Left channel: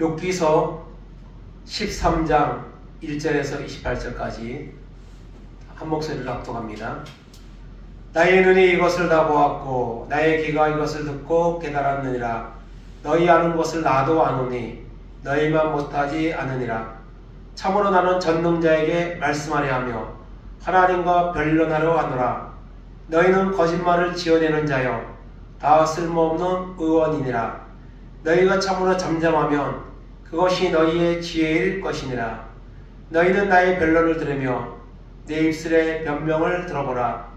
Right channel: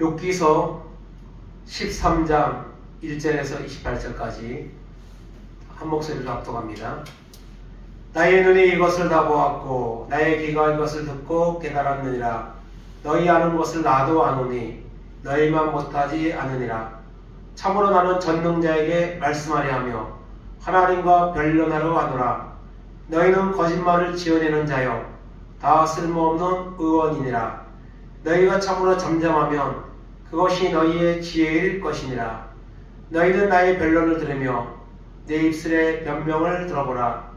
욥기서 13장 1절에서 28절까지 한 목소리로 낭독합니다. 나의 눈이 이것을 다 보았고 나의 귀가 이것을 듣고 깨달았느니라. 너희 아는 것을 나도 아노니 너희만 못하지 않으니라. 참으로 나는 전능자에게 말씀하려 하며 하나님과 변론하려 하노라. 너희는 거짓말을 지어내는 자여 다 쓸모없는 의원이니라. 너희가 참으로 잠잠하면 그것이 너희의 지혜일 것이니라. 너희는 나의 변론을 들으며 내 입술의 변명을 들어보라.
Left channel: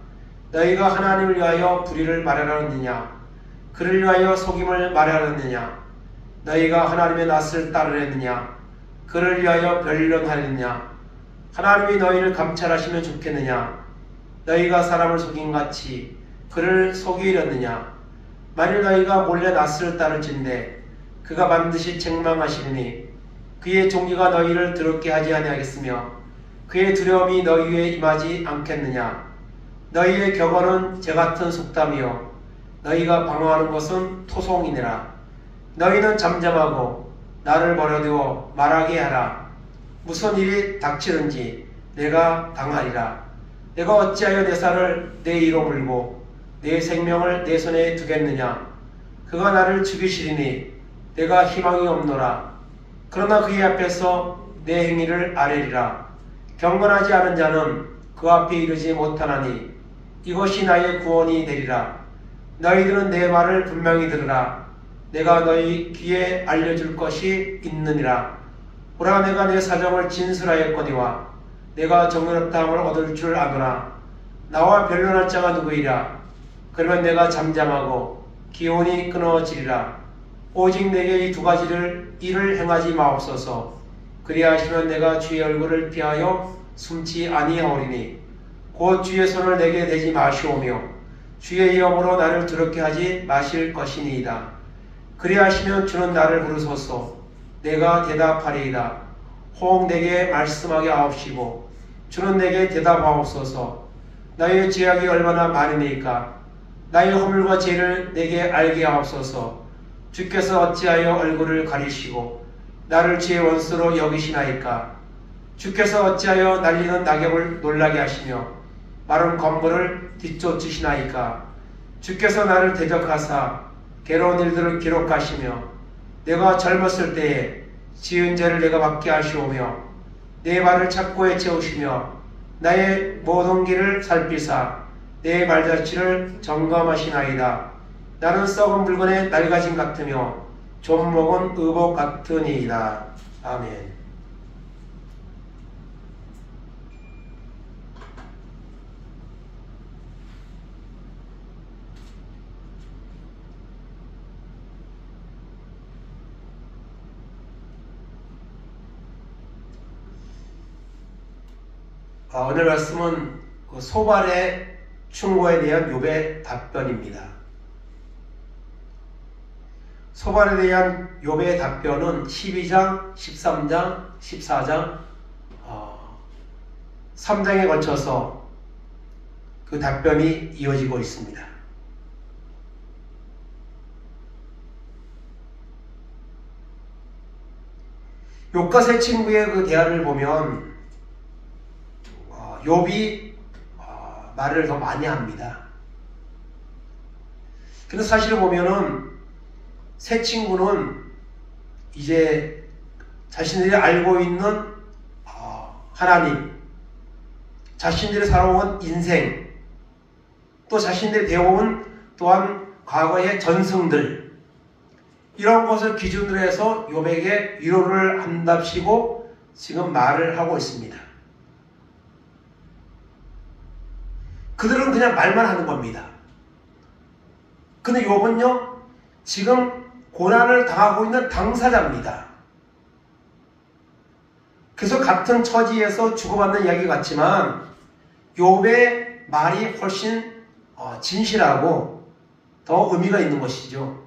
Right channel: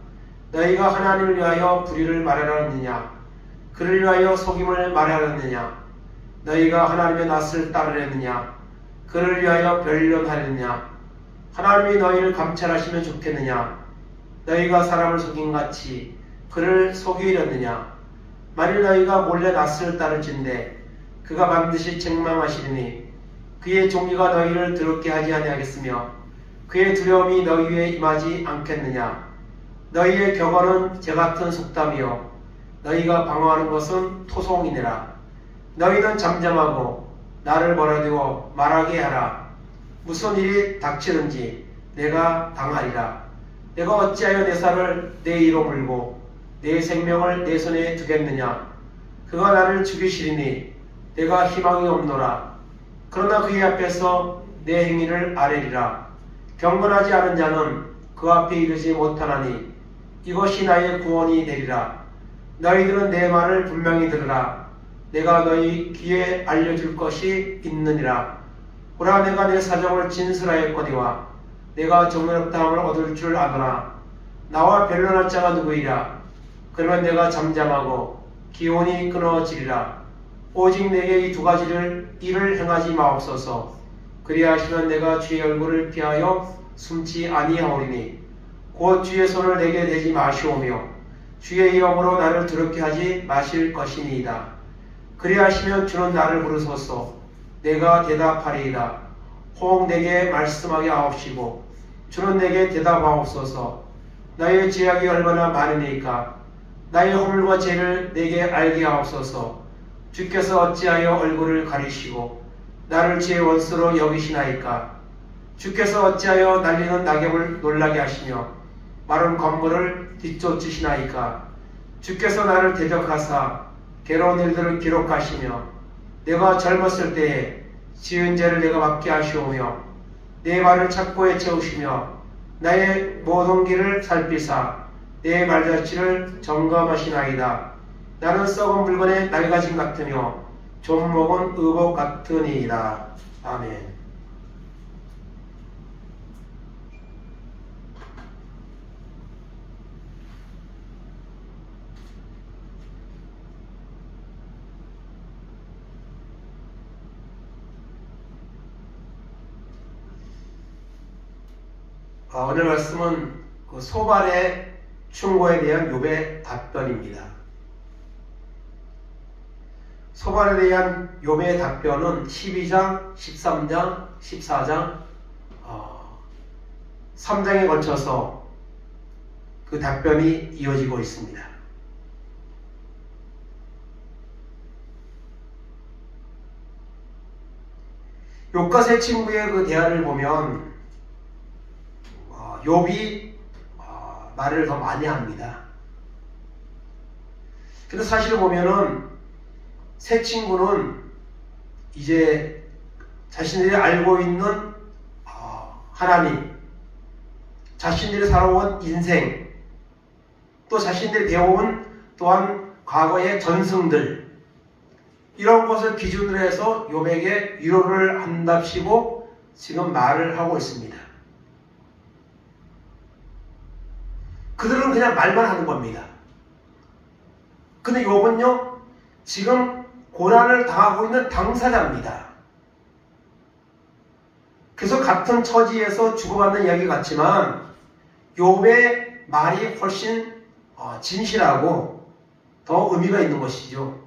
너희가 하나님을 위하여 불의를 말하였느냐? 그를 위하여 속임을 말하였느냐? 너희가 하나님의 낯을 따르렸느냐? 그를 위하여 변론하였느냐? 하나님이 너희를 감찰하시면 좋겠느냐? 너희가 사람을 속임같이 그를 속이려느냐? 만일 너희가 몰래 낯을 따를진대 그가 반드시 책망하시리니 그의 종기가 너희를 더럽게 하지 아니하겠으며 그의 두려움이 너희 위에 임하지 않겠느냐? 너희의 격언은 재같은 속담이요 너희가 방어하는 것은 토송이니라. 너희는 잠잠하고 나를 멀어두어 말하게 하라. 무슨 일이 닥치는지 내가 당하리라. 내가 어찌하여 내 살을 내 이로 물고 내 생명을 내 손에 두겠느냐? 그가 나를 죽이시리니 내가 희망이 없노라. 그러나 그의 앞에서 내 행위를 아뢰리라. 경건하지 않은 자는 그 앞에 이르지 못하나니 이것이 나의 구원이 되리라. 너희들은 내 말을 분명히 들으라. 내가 너희 귀에 알려줄 것이 있느니라. 보라, 내가 내 사정을 진술하였거니와 내가 정의롭다함을 얻을 줄 아노라. 나와 변론할 자가 누구이랴? 그러면 내가 잠잠하고 기온이 끊어지리라. 오직 내게 이 두 가지를 일을 행하지 마옵소서. 그리하시면 내가 주의 얼굴을 피하여 숨지 아니하오리니 곧 주의 손을 내게 대지 마시오며 주의 이름으로 나를 더럽게 하지 마실 것이니이다. 그리하시면 주는 나를 부르소서. 내가 대답하리이다. 혹 내게 말씀하게 하옵시고 주는 내게 대답하옵소서. 나의 죄악이 얼마나 많으니까 나의 허물과 죄를 내게 알게 하옵소서. 주께서 어찌하여 얼굴을 가리시고 나를 죄의 원수로 여기시나이까? 주께서 어찌하여 날리는 낙엽을 놀라게 하시며 마른 건물을 뒤쫓으시나이까? 주께서 나를 대적하사 괴로운 일들을 기록하시며 내가 젊었을 때에 지은 죄를 내가 받게 하시오며 내 말을 착고에 채우시며 나의 모든 길을 살피사 내 말자취를 점검하시나이다. 나는 썩은 물건의 낡아짐 같으며 좀 먹은 의복 같으니이다. 아멘. 오늘 말씀은 그 소발의 충고에 대한 욥의 답변입니다. 소발에 대한 욥의 답변은 12장, 13장, 14장 3장에 걸쳐서 그 답변이 이어지고 있습니다. 욥과 세 친구의 그 대화를 보면 욥이 말을 더 많이 합니다. 근데 사실을 보면은 세 친구는 이제 자신들이 알고 있는 하나님, 자신들이 살아온 인생, 또 자신들이 배워온 또한 과거의 전승들, 이런 것을 기준으로 해서 욥에게 위로를 한답시고 지금 말을 하고 있습니다. 그들은 그냥 말만 하는 겁니다. 근데 욥은요, 지금 고난을 당하고 있는 당사자입니다. 그래서 같은 처지에서 주고받는 이야기 같지만 욥의 말이 훨씬 진실하고 더 의미가 있는 것이죠.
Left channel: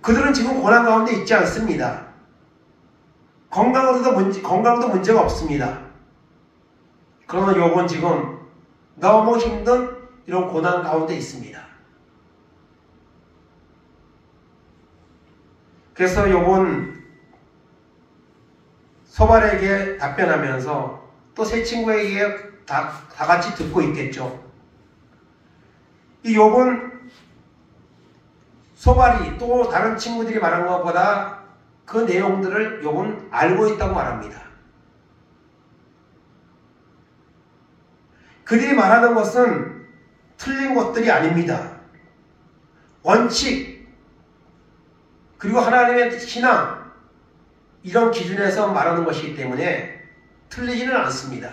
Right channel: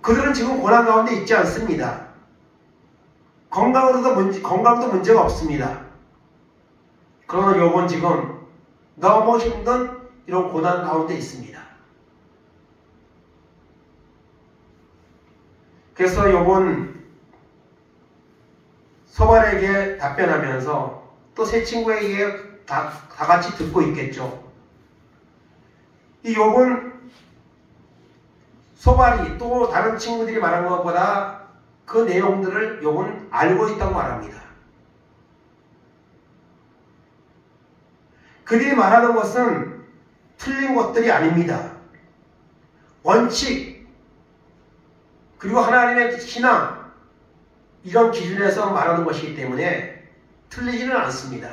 그들은 지금 고난 가운데 있지 않습니다. 건강도 문제가 없습니다. 그러나 욥은 지금 너무 힘든 이런 고난 가운데 있습니다. 그래서 욥은 소발에게 답변하면서 또 세 친구에게 다 같이 듣고 있겠죠. 이 욥은 소발이 또 다른 친구들이 말한 것보다 그 내용들을 욥은 알고 있다고 말합니다. 그들이 말하는 것은 틀린 것들이 아닙니다. 원칙 그리고 하나님의 신앙 이런 기준에서 말하는 것이기 때문에 틀리지는 않습니다.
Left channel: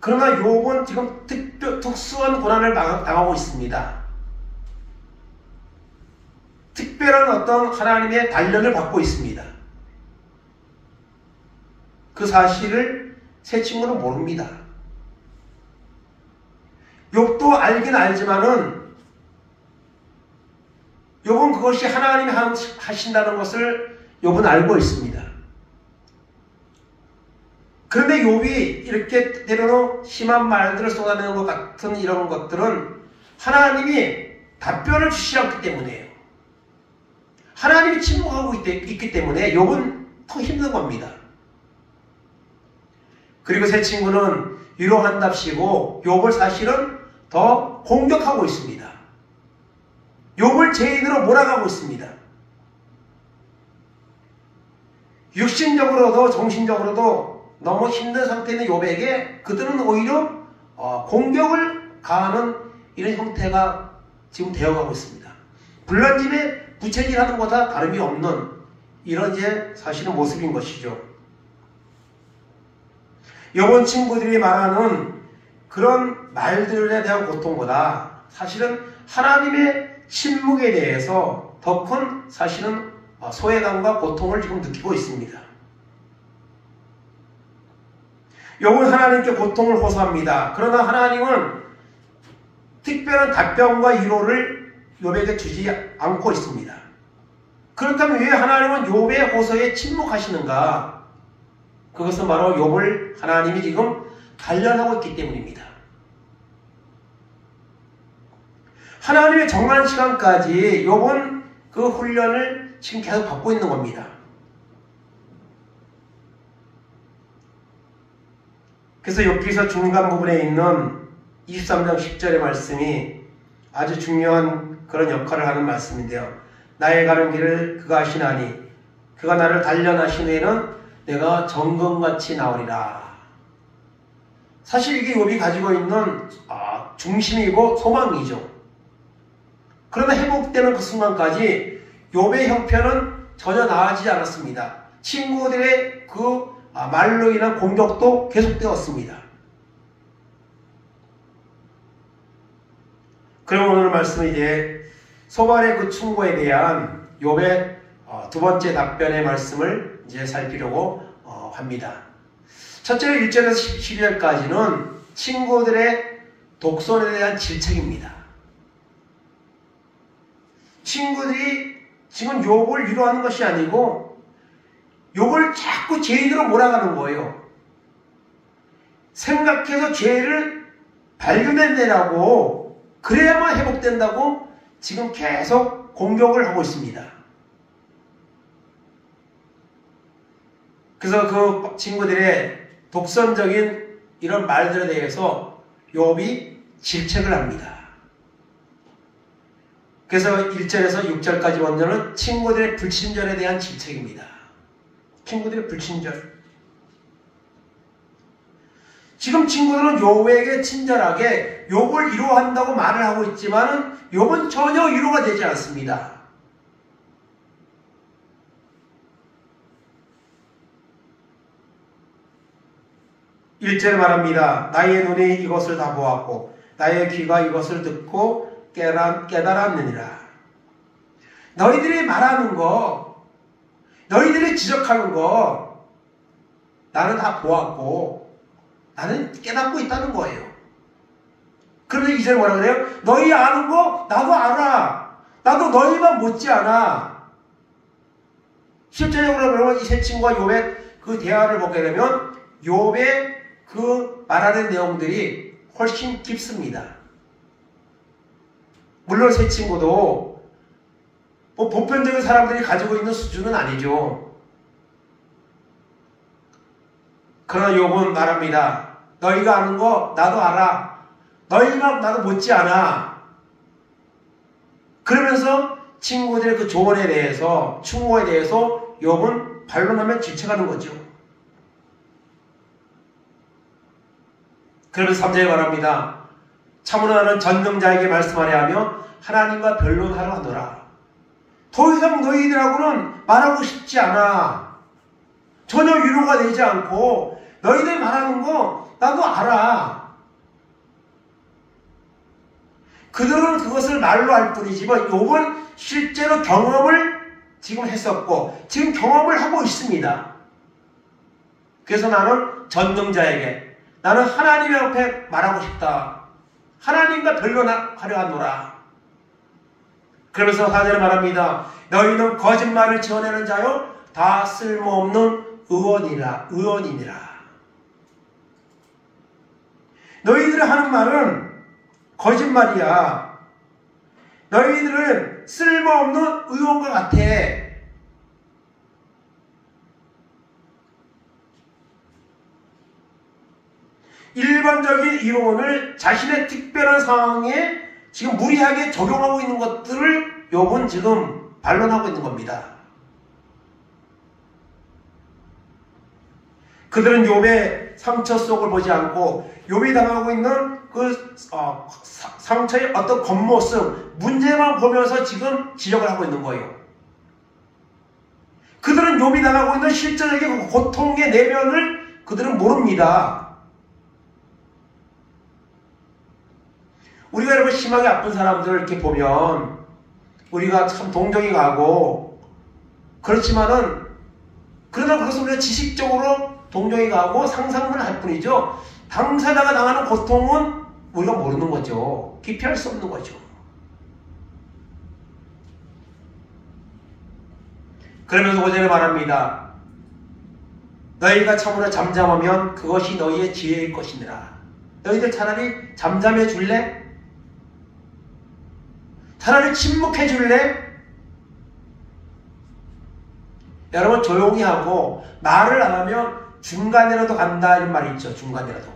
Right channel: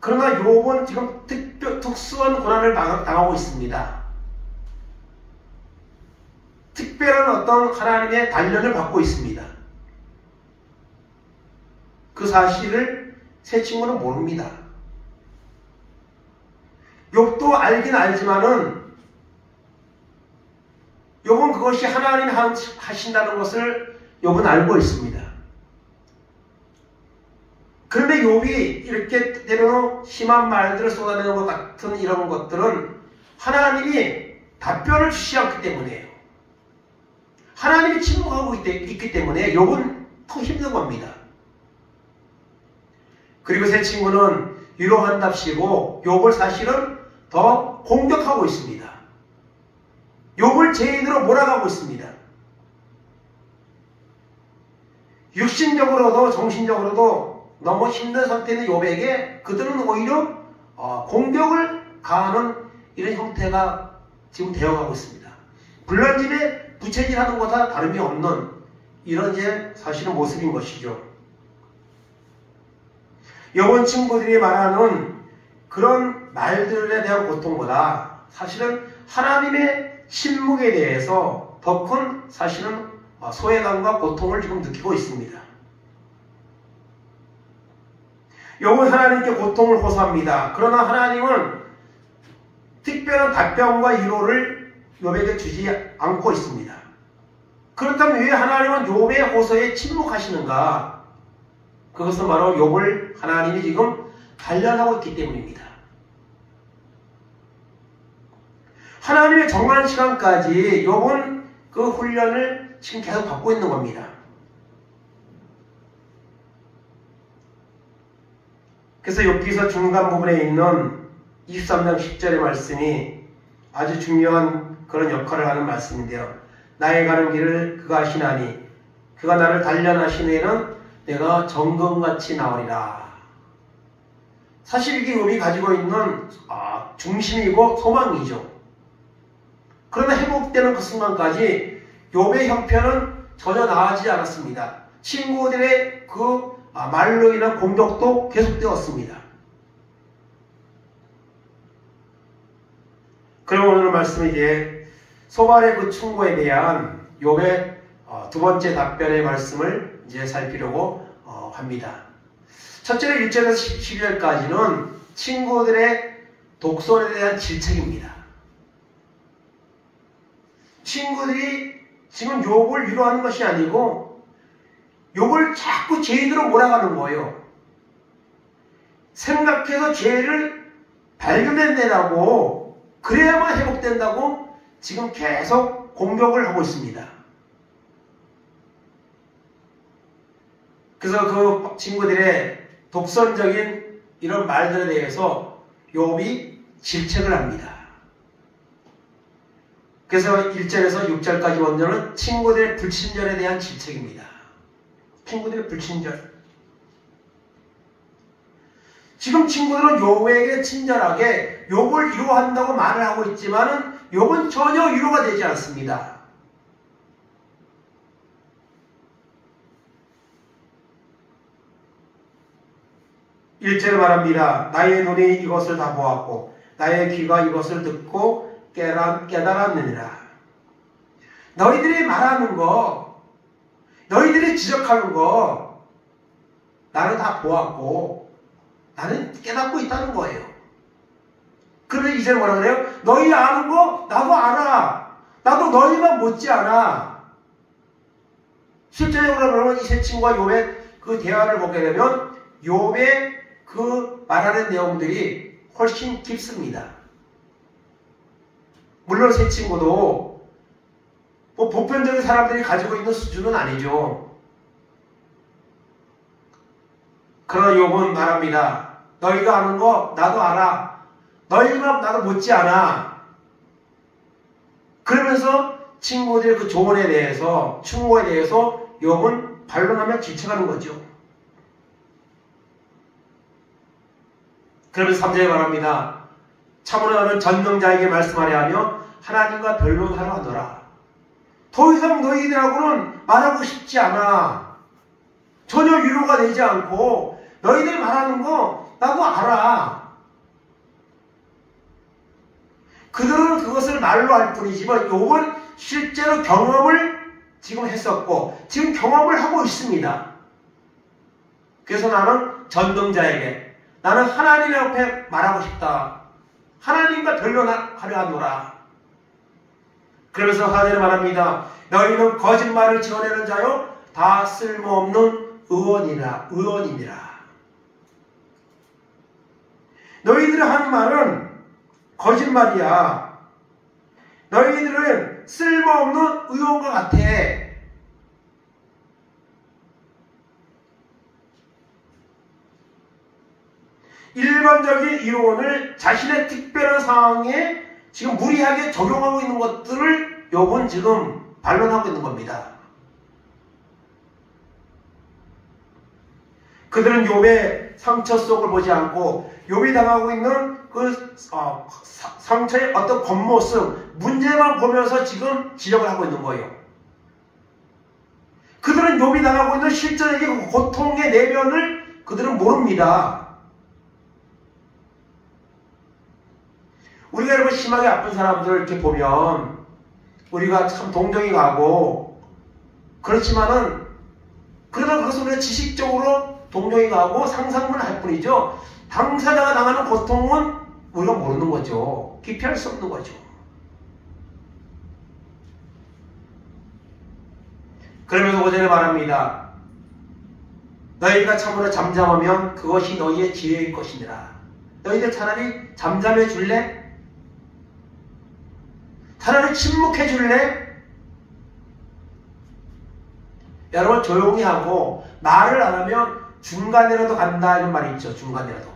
그러나 욥은 지금 특수한 고난을 당하고 있습니다. 특별한 어떤 하나님의 단련을 받고 있습니다. 그 사실을 세 친구는 모릅니다. 욥도 알긴 알지만은 욥은 그것이 하나님이 하신다는 것을 욥은 알고 있습니다. 그런데 욥이 이렇게 때로는 심한 말들을 쏟아내는 것 같은 이런 것들은 하나님이 답변을 주시지 않기 때문이에요. 하나님이 침묵하고 있기 때문에 욥은 더 힘든 겁니다. 그리고 세 친구는 위로한답시고 욥을 사실은 더 공격하고 있습니다. 욥을 죄인으로 몰아가고 있습니다. 육신적으로도 정신적으로도 너무 힘든 상태에 있는 욥에게 그들은 오히려 공격을 가하는 이런 형태가 지금 되어가고 있습니다. 불난집에 부채질하는 것과 다름이 없는 이런 이제 사실은 모습인 것이죠. 욥은 친구들이 말하는 그런 말들에 대한 고통보다 사실은 하나님의 침묵에 대해서 더 큰 사실은 소외감과 고통을 지금 느끼고 있습니다. 욥은 하나님께 고통을 호소합니다. 그러나 하나님은 특별한 답변과 위로를 욥에게 주지 않고 있습니다. 그렇다면 왜 하나님은 욥의 호소에 침묵하시는가? 그것은 바로 욥을 하나님이 지금 단련하고 있기 때문입니다. 하나님의 정한 시간까지 욥은 그 훈련을 지금 계속 받고 있는 겁니다. 그래서 욥기서 중간 부분에 있는 23장 10절의 말씀이 아주 중요한 그런 역할을 하는 말씀인데요. 나의 가는 길을 그가 아시나니 그가 나를 단련하신 후에는 내가 정금같이 나오리라. 사실 이게 욥이 가지고 있는 중심이고 소망이죠. 그러나 회복되는 그 순간까지 욥의 형편은 전혀 나아지지 않았습니다. 친구들의 그 말로 인한 공격도 계속되었습니다. 그럼 오늘 말씀은 이제 소발의 그 충고에 대한 욥의 두 번째 답변의 말씀을 이제 살피려고 합니다. 첫째로 1절에서 12절까지는 친구들의 독선에 대한 질책입니다. 친구들이 지금 욥을 위로하는 것이 아니고 욥을 자꾸 죄인으로 몰아가는 거예요. 생각해서 죄를 발견해내라고 그래야만 회복된다고 지금 계속 공격을 하고 있습니다. 그래서 그 친구들의 독선적인 이런 말들에 대해서 욥이 질책을 합니다. 그래서 1절에서 6절까지 원전은 친구들의 불친절에 대한 질책입니다. 친구들의 불친절. 지금 친구들은 욥에게 친절하게 욥을 위로한다고 말을 하고 있지만 욥은 전혀 위로가 되지 않습니다. 일절에 말합니다. 나의 눈이 이것을 다 보았고 나의 귀가 이것을 듣고 깨달았느니라. 너희들이 말하는 거, 너희들이 지적하는 거 나는 다 보았고 나는 깨닫고 있다는 거예요. 그런데 이제 뭐라 그래요? 너희 아는 거 나도 알아. 나도 너희만 못지않아. 실제적으로 그러면 이 세 친구와 욥의 그 대화를 보게 되면 욥의 그 말하는 내용들이 훨씬 깊습니다. 물론 세 친구도 뭐 보편적인 사람들이 가지고 있는 수준은 아니죠. 그러나 욥은 말합니다. 너희가 아는 거 나도 알아. 너희만 나도 못지않아. 그러면서 친구들의 그 조언에 대해서, 충고에 대해서 욥은 반론하며 질책하는 거죠. 그러면서 3절에 말합니다. 참으로 나는 전능자에게 말씀하려 하며 하나님과 변론하려 하노라. 더 이상 너희들하고는 말하고 싶지 않아. 전혀 위로가 되지 않고 너희들 말하는 거 나도 알아. 그들은 그것을 말로 할 뿐이지만 욥은 실제로 경험을 지금 했었고 지금 경험을 하고 있습니다. 그래서 나는 전능자에게, 나는 하나님 앞에 말하고 싶다. 하나님과 변론하려 하노라. 그러면서 4절에 말합니다. 너희는 거짓말을 지어내는 자요 다 쓸모없는 의원이니라. 너희들이 하는 말은 거짓말이야. 너희들은 쓸모없는 의원과 같아. 일반적인 이론을 자신의 특별한 상황에 지금 무리하게 적용하고 있는 것들을 욥은 지금 반론하고 있는 겁니다. 그들은 욥의 상처 속을 보지 않고 욥이 당하고 있는 그 상처의 어떤 겉모습, 문제만 보면서 지금 지적을 하고 있는 거예요. 그들은 욥이 당하고 있는 실제적인 고통의 내면을 그들은 모릅니다. 우리가 여러분 심하게 아픈 사람들을 이렇게 보면 우리가 참 동정이 가고 그렇지만은 그러나 그것을 우리가 지식적으로 동정이 가고 상상만 할 뿐이죠. 당사자가 당하는 고통은 우리가 모르는 거죠. 기피할 수 없는 거죠. 그러면서 5절에 말합니다. 너희가 참으로 잠잠하면 그것이 너희의 지혜일 것이니라. 너희들 차라리 잠잠해 줄래? 차라리 침묵해 줄래? 여러분 조용히 하고 말을 안 하면 중간이라도 간다 이런 말이 있죠. 중간이라도.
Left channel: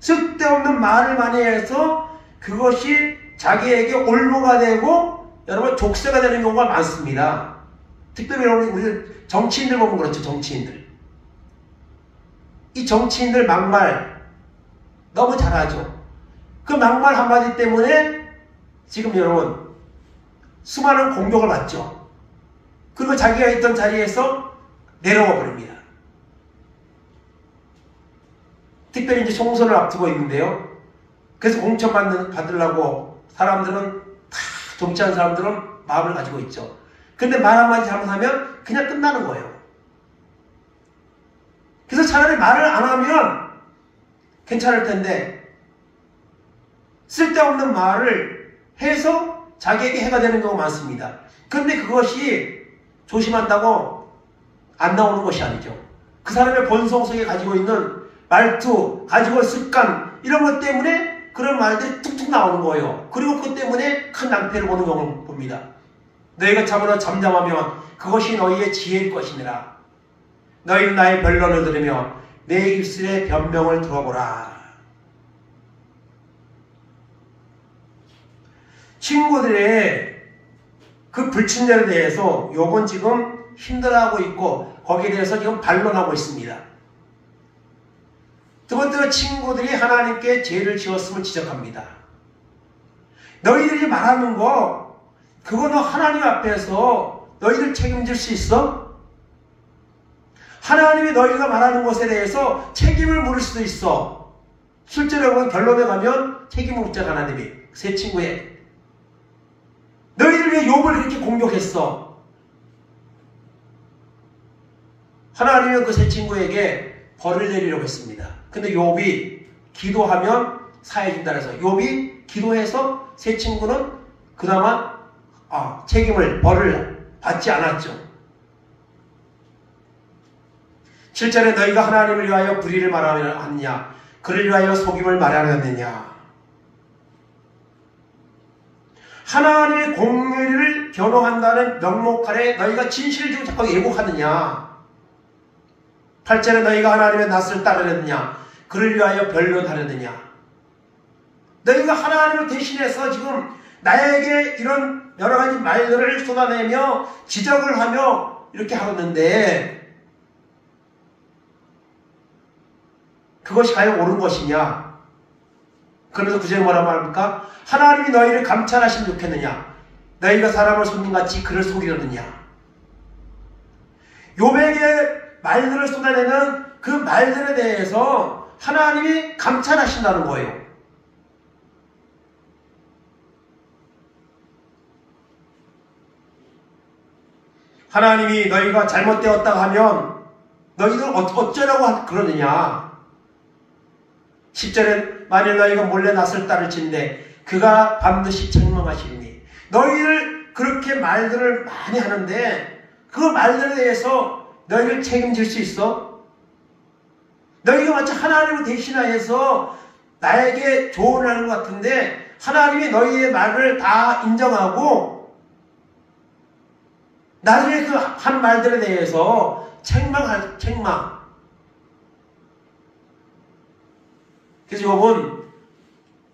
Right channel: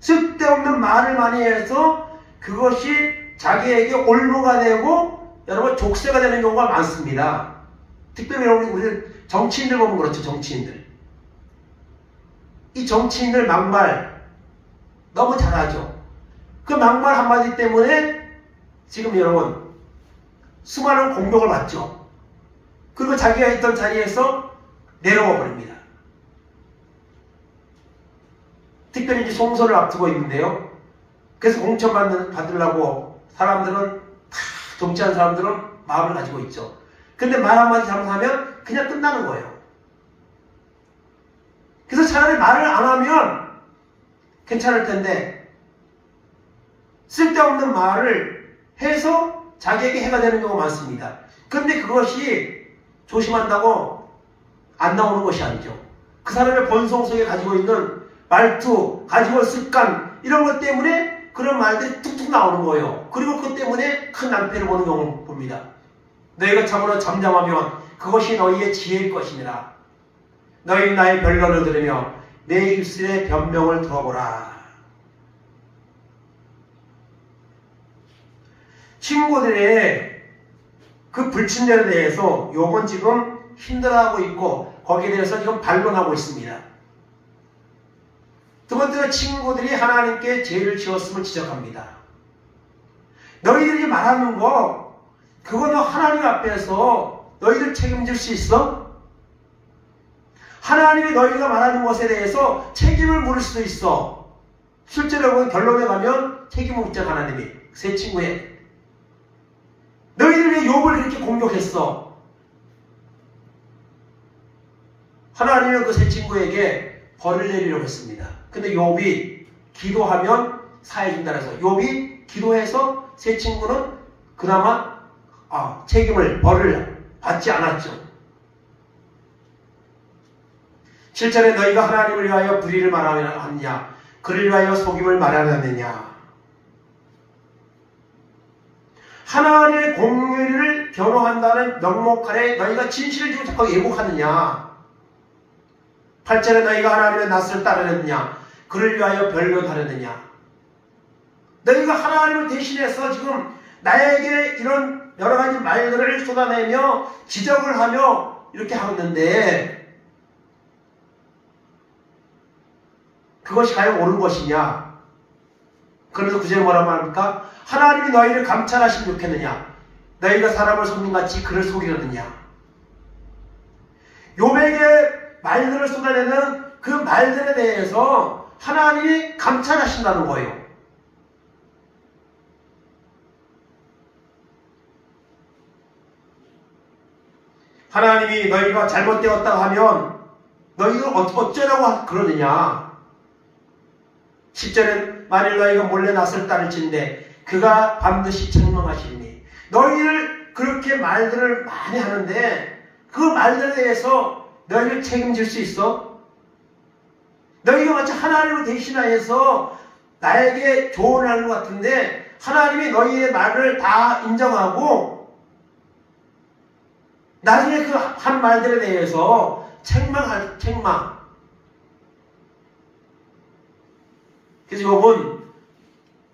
쓸데없는 말을 많이 해서 그것이 자기에게 올무가 되고 여러분 족쇄가 되는 경우가 많습니다. 특별히 여러분 우리 정치인들 보면 그렇죠. 정치인들. 이 정치인들 막말 너무 잘하죠. 그 막말 한마디 때문에 지금 여러분 수많은 공격을 받죠. 그리고 자기가 있던 자리에서 내려와 버립니다. 특별히 이제 총선을 앞두고 있는데요. 그래서 공천 받으려고 사람들은 다 정치하는 사람들은 마음을 가지고 있죠. 근데 말 한마디 잘못하면 그냥 끝나는 거예요. 그래서 차라리 말을 안 하면 괜찮을 텐데 쓸데없는 말을 해서 자기에게 해가 되는 경우가 많습니다. 그런데 그것이 조심한다고 안 나오는 것이 아니죠. 그 사람의 본성 속에 가지고 있는 말투, 가지고 습관 이런 것 때문에 그런 말들이 툭툭 나오는 거예요. 그리고 그 때문에 큰 낭패를 보는 경우를 봅니다. 너희가 참으로 잠잠하면 그것이 너희의 지혜일 것이니라. 너희는 나의 변론을 들으며 내 입술의 변명을 들어보라. 친구들의 그 불친절에 대해서 욥은 지금 힘들어하고 있고 거기에 대해서 지금 반론하고 있습니다. 두 번째로 친구들이 하나님께 죄를 지었음을 지적합니다. 너희들이 말하는 거 그거는 하나님 앞에서 너희들 책임질 수 있어? 하나님이 너희가 말하는 것에 대해서 책임을 물을 수도 있어. 실제로 결론에 가면 책임을 묻잖아. 하나님이 세 친구에 너희들 왜 욥을 그렇게 공격했어? 하나님은 그 세 친구에게 벌을 내리려고 했습니다. 근데 욥이 기도하면 사해준다 해서 욥이 기도해서 세 친구는 그나마 벌을 받지 않았죠. 7절에 너희가 하나님을 위하여 불의를 말하느냐 그를 위하여 속임을 말하느냐. 하나님의 공의를 변호한다는 명목 아래 너희가 진실을 지고 자꾸 예고하느냐? 8절에 너희가 하나님의 낯을 따르느냐? 그를 위하여 변론하려느냐? 너희가 하나님을 대신해서 지금 나에게 이런 여러 가지 말들을 쏟아내며 지적을 하며 이렇게 하는데 그것이 과연 옳은 것이냐? 그러면서 구절에 뭐라고 합니까? 하나님이 너희를 감찰하시면 좋겠느냐? 너희가 사람을 속는같이 그를 속이려느냐? 욥에게 말들을 쏟아내는 그 말들에 대해서 하나님이 감찰하신다는 거예요. 하나님이 너희가 잘못되었다 하면 너희가 어쩌려고 그러느냐? 10절엔 만일 너희가 몰래 낯을 따를진대 그가 반드시 책망하시리니 너희를 그렇게 말들을 많이 하는데 그 말들에 대해서 너희를 책임질 수 있어? 너희가 마치 하나님을 대신하여서 나에게 조언을 하는 것 같은데 하나님이 너희의 말을 다 인정하고 나중에 그 한 말들에 대해서 책망. 그래서 욥은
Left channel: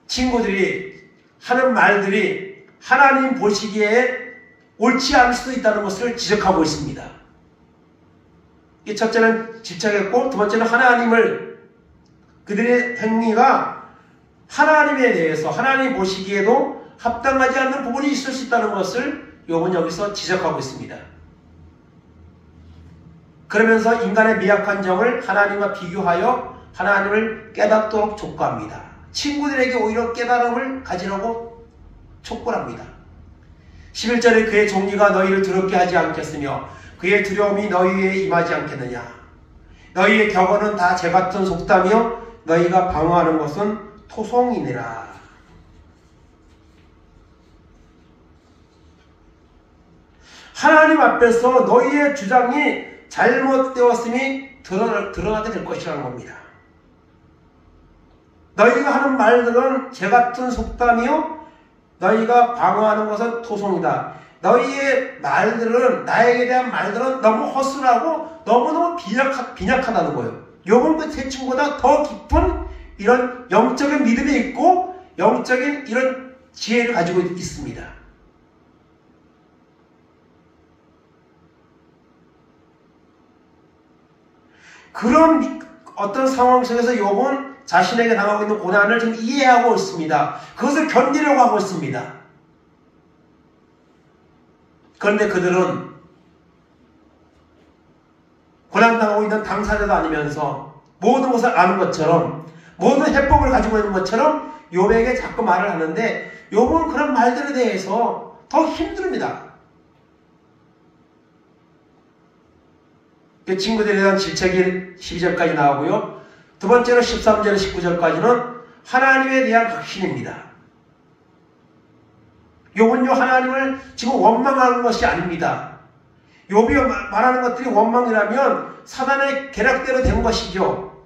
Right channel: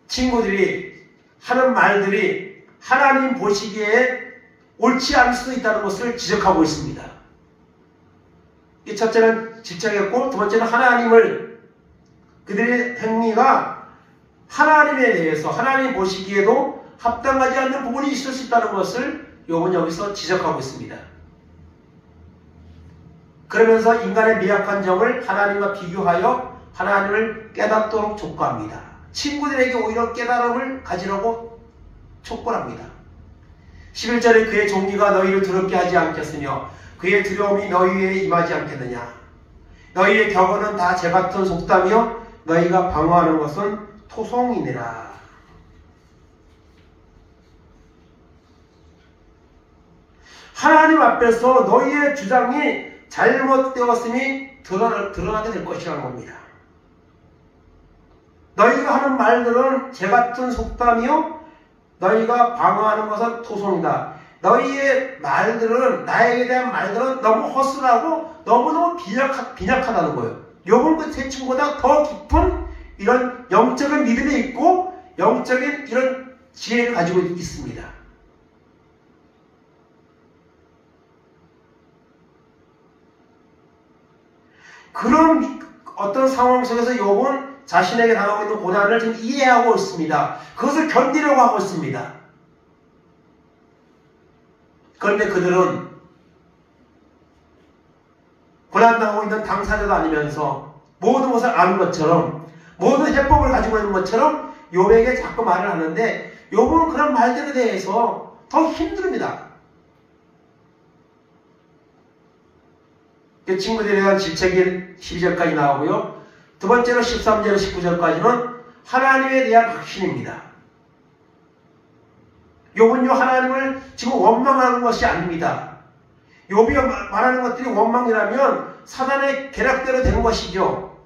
친구들이 하는 말들이 하나님 보시기에 옳지 않을 수도 있다는 것을 지적하고 있습니다. 첫째는 집착했고 두 번째는 하나님을 그들의 행위가 하나님에 대해서 하나님 보시기에도 합당하지 않는 부분이 있을 수 있다는 것을 욥은 여기서 지적하고 있습니다. 그러면서 인간의 미약한 점을 하나님과 비교하여 하나님을 깨닫도록 촉구합니다. 친구들에게 오히려 깨달음을 가지라고 촉구를 합니다. 11절에 그의 종기가 너희를 더럽게 하지 않겠으며 그의 두려움이 너희에 임하지 않겠느냐. 너희의 격언은 다 재같은 속담이요 너희가 방어하는 것은 토송이니라. 하나님 앞에서 너희의 주장이 잘못되었음이 드러나게 될 것이라는 겁니다. 너희가 하는 말들은 재같은 속담이요 너희가 방어하는 것은 토송이다. 너희의 말들은 나에게 대한 말들은 너무 허술하고 너무너무 빈약하다는 거예요. 욥은 그 세 친구보다 더 깊은 이런 영적인 믿음이 있고 영적인 이런 지혜를 가지고 있습니다. 그런 어떤 상황 속에서 욥은 자신에게 당하고 있는 고난을 지금 이해하고 있습니다. 그것을 견디려고 하고 있습니다. 그런데 그들은 고난당하고 있는 당사자도 아니면서 모든 것을 아는 것처럼 모든 해법을 가지고 있는 것처럼 욥에게 자꾸 말을 하는데 욥은 그런 말들에 대해서 더 힘듭니다. 친구들에 대한 질책이 12절까지 나오고요. 두 번째로 13절, 19절까지는 하나님에 대한 확신입니다. 욥은요 하나님을 지금 원망하는 것이 아닙니다. 욥이 말하는 것들이 원망이라면 사단의 계략대로 된 것이죠.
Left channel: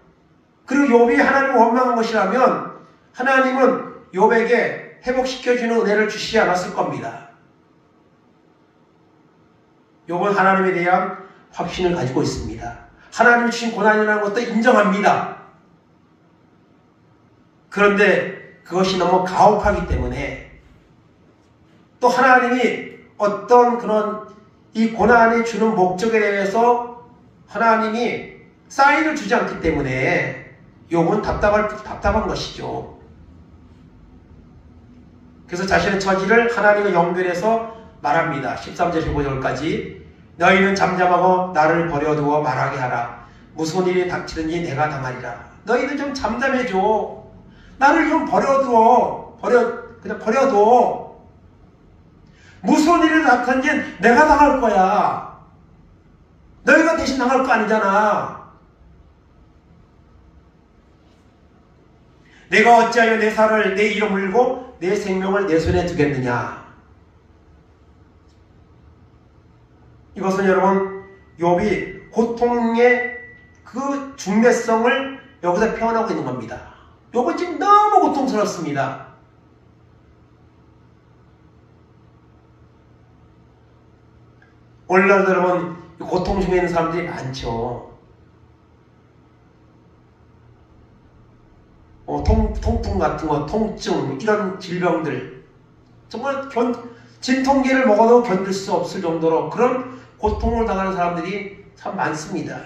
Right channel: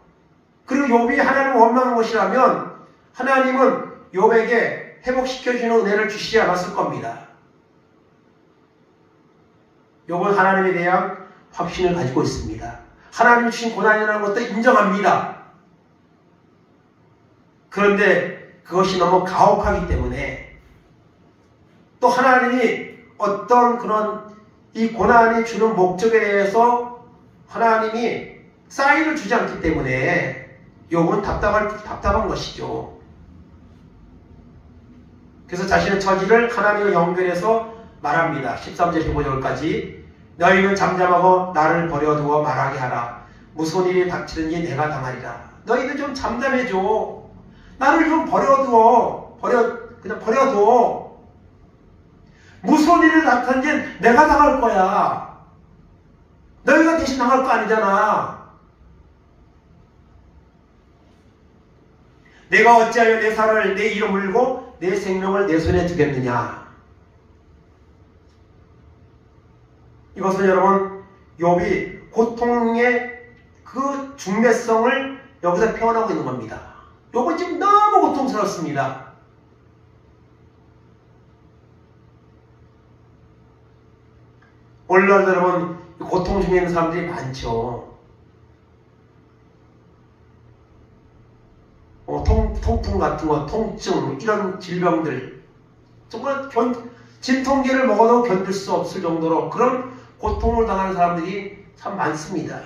그리고 욥이 하나님을 원망한 것이라면 하나님은 욥에게 회복시켜주는 은혜를 주시지 않았을 겁니다. 욥은 하나님에 대한 확신을 가지고 있습니다. 하나님이 주신 고난이라는 것도 인정합니다. 그런데 그것이 너무 가혹하기 때문에 또 하나님이 어떤 그런 이 고난이 주는 목적에 대해서 하나님이 사인을 주지 않기 때문에 욥은 답답한 것이죠. 그래서 자신의 처지를 하나님과 연결해서 말합니다. 13절 15절까지 너희는 잠잠하고 나를 버려두어 말하게 하라. 무슨 일이 닥치든지 내가 당하리라. 너희들 좀 잠잠해줘. 나를 좀 버려두어. 그냥 버려둬. 무슨 일이 닥치든지 내가 당할 거야. 너희가 대신 당할 거 아니잖아. 내가 어찌하여 내 살을 내 이로 물고 내 생명을 내 손에 두겠느냐. 이것은 여러분 욥이 고통의 그 중대성을 여기서 표현하고 있는 겁니다. 욥은 지금 너무 고통스럽습니다. 오늘날도 여러분 고통 중에 있는 사람들이 많죠. 통풍 같은 거, 통증, 이런 질병들 정말 진통제를 먹어도 견딜 수 없을 정도로 그런 고통을 당하는 사람들이 참 많습니다.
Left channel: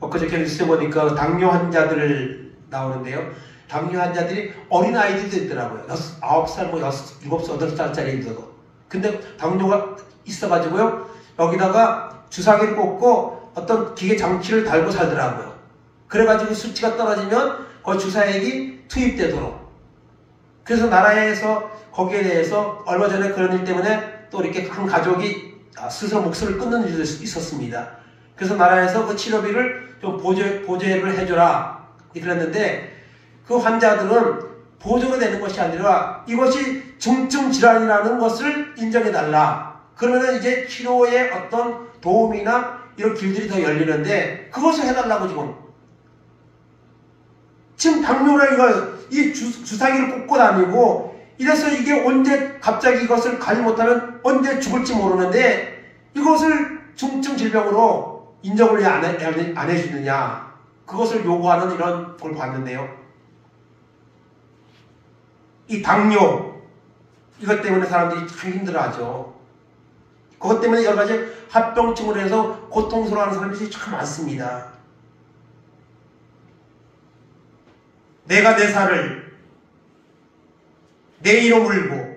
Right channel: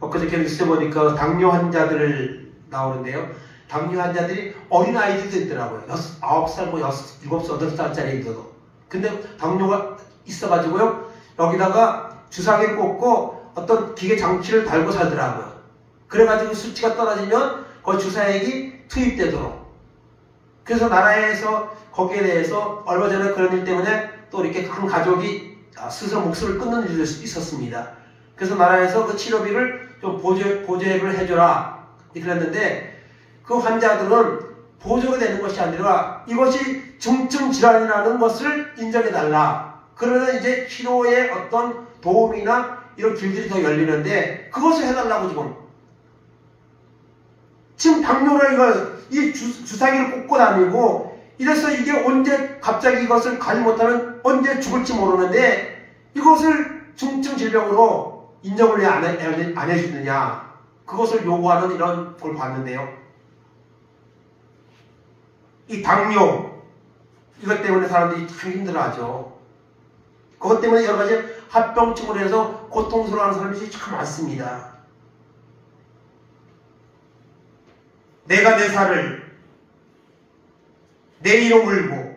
엊그저께 뉴스에 보니까 당뇨 환자들 나오는데요. 당뇨 환자들이 어린 아이들도 있더라고요. 9살, 7살, 8살짜리들도. 근데 당뇨가 있어가지고요. 여기다가 주사기를 꽂고 어떤 기계 장치를 달고 살더라고요. 그래가지고 수치가 떨어지면 그 주사액이 투입되도록. 그래서 나라에서 거기에 대해서 얼마 전에 그런 일 때문에 또 이렇게 한 가족이 스스로 목숨을 끊는 일도 있었습니다. 그래서 나라에서 그 치료비를 좀 보조를 해줘라 그랬는데 그 환자들은 보조가 되는 것이 아니라 이것이 중증 질환이라는 것을 인정해달라. 그러면 이제 치료에 어떤 도움이나 이런 길들이 더 열리는데 그것을 해달라고 지금 당뇨를 이 주사기를 꽂고 다니고 이래서 이게 언제 갑자기 이것을 관리 못하면 언제 죽을지 모르는데 이것을 중증 질병으로 인정을 왜 안 해주느냐. 그것을 요구하는 이런 걸 봤는데요. 이 당뇨 이것 때문에 사람들이 참 힘들어하죠. 그것 때문에 여러 가지 합병증으로 해서 고통스러워하는 사람들이 참 많습니다. 내가 내 살을 내 이로 물고